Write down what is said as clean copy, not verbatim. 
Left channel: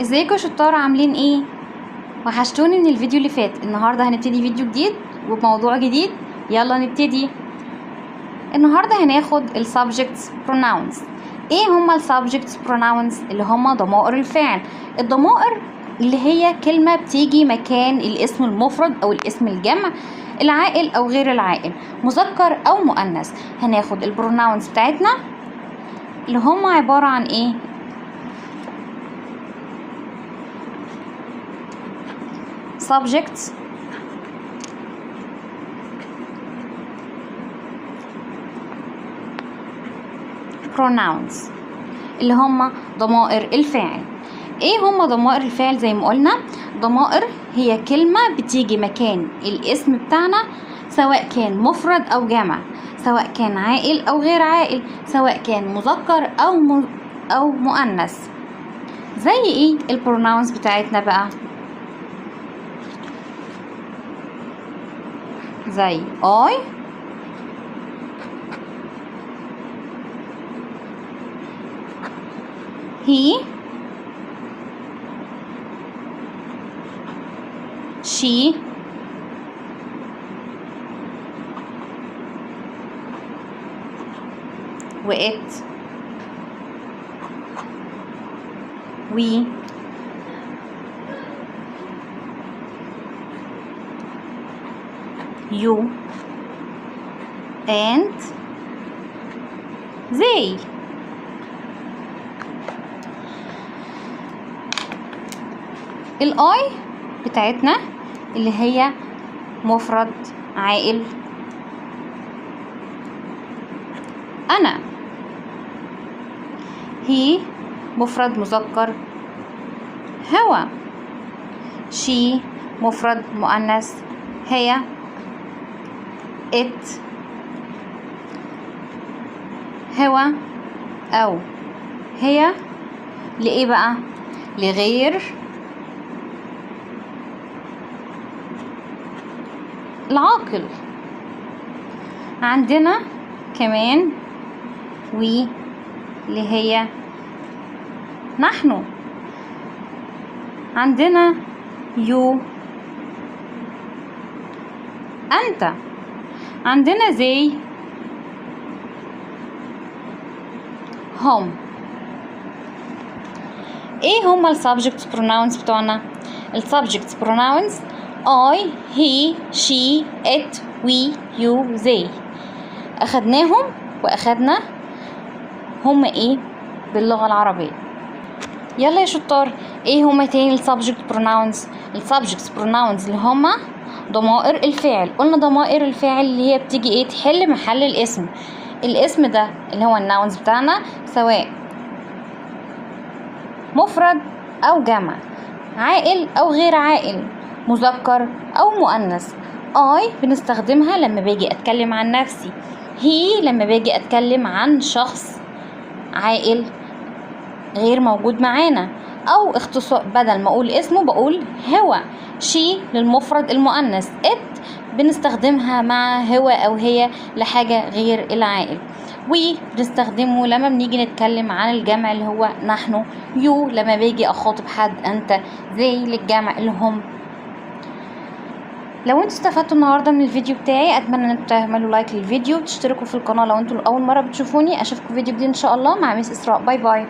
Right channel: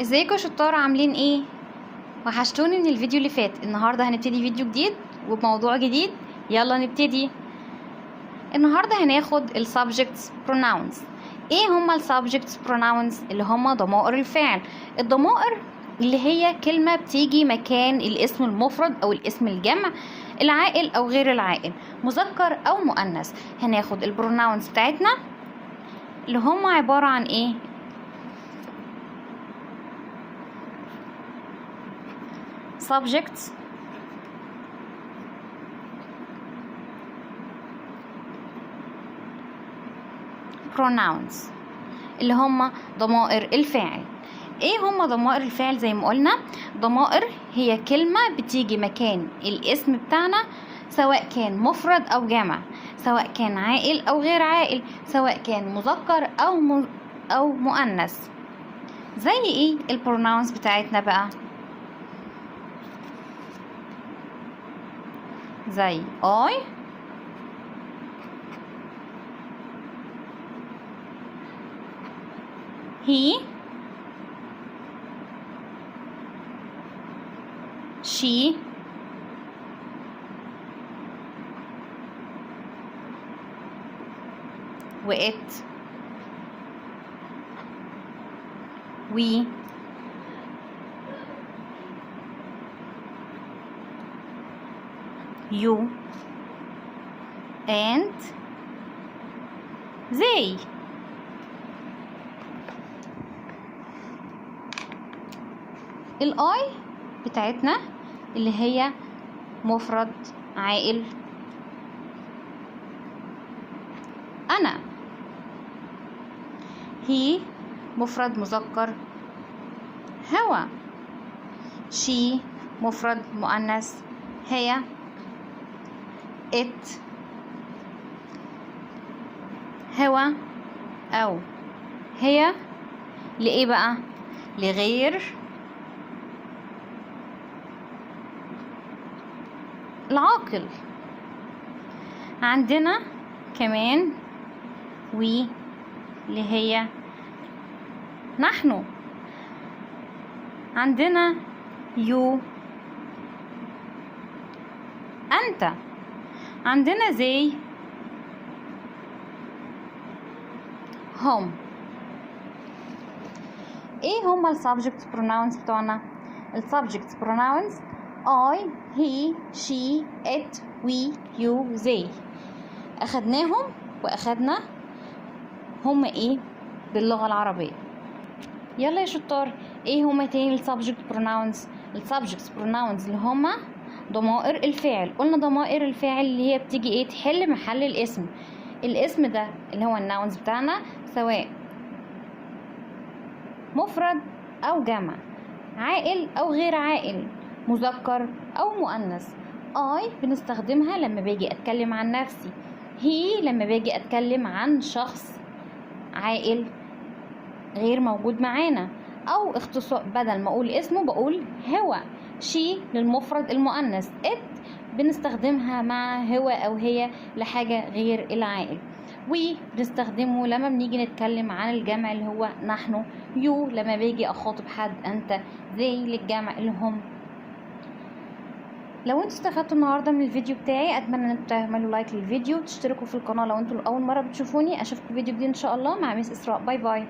ازيكم يا شطار، عاملين ايه؟ وحشتوني من الفيديو اللي فات. النهارده هنبتدي فيديو جديد وبموضوع جديد. يلا نبتدي. النهارده هناخد ال subjects pronouns. ايه هما ال subjects pronouns؟ اللي هما ضمائر الفعل. الضمائر اللي هي كلمة بتيجي مكان الاسم المفرد او الاسم الجمع، العاقل او غير العاقل، مذكر او مؤنث. هناخد البروناونز بتاعتنا اللي هما عبارة عن ايه؟ subjects pronouns اللي هما ضمائر الفعل. ايه هما ضمائر الفعل؟ زي ما قلنا، ضمائر هي كلمة بتيجي مكان الاسم بتاعنا، سواء كان مفرد او جمع، سواء كان عاقل او غير عاقل، سواء كان مذكر او مؤنث. زي ايه البروناونز بتاعتنا بقى؟ زي I، he، she، و it، we، you and they. الاي بتاعتنا اللي هي مفرد عاقل انا، هي مفرد مذكر هو، she مفرد مؤنث هي، it هو او هي لإيه بقى؟ لغير العاقل. عندنا كمان we اللي هي نحن، عندنا you أنت، عندنا they هم. ايه هما ال subject pronouns بتوعنا؟ ال subject pronouns I، he، she، it، we، you، they. أخدناهم وأخدنا هما ايه باللغة العربية. يلا يا شطار، ايه هما تاني ال subject pronouns؟ ال subject pronouns اللي هما ضمائر الفعل. قلنا ضمائر الفعل اللي هي بتيجي ايه؟ تحل محل الاسم. الاسم ده اللي هو الناونز بتاعنا، سواء مفرد او جمع، عاقل او غير عاقل، مذكر او مؤنث. I بنستخدمها لما باجي اتكلم عن نفسي، he لما باجي اتكلم عن شخص عاقل غير موجود معانا، او اختصار بدل ما اقول اسمه بقول هو. she للمفرد المؤنث. it بنستخدمها مع هو او هي لحاجة غير العاقل. we بنستخدمه لما بنيجي نتكلم عن الجمع اللي هو نحن. you لما باجي اخاطب حد انت. they للجمع اللي هم. لو انتوا استفدتوا النهارده من الفيديو بتاعي، اتمنى ان انتوا تعملوا لايك للفيديو وتشتركوا في القناه لو انتوا اول مره بتشوفوني. اشوفكم في فيديو جديد ان شاء الله مع مس اسراء. باي باي.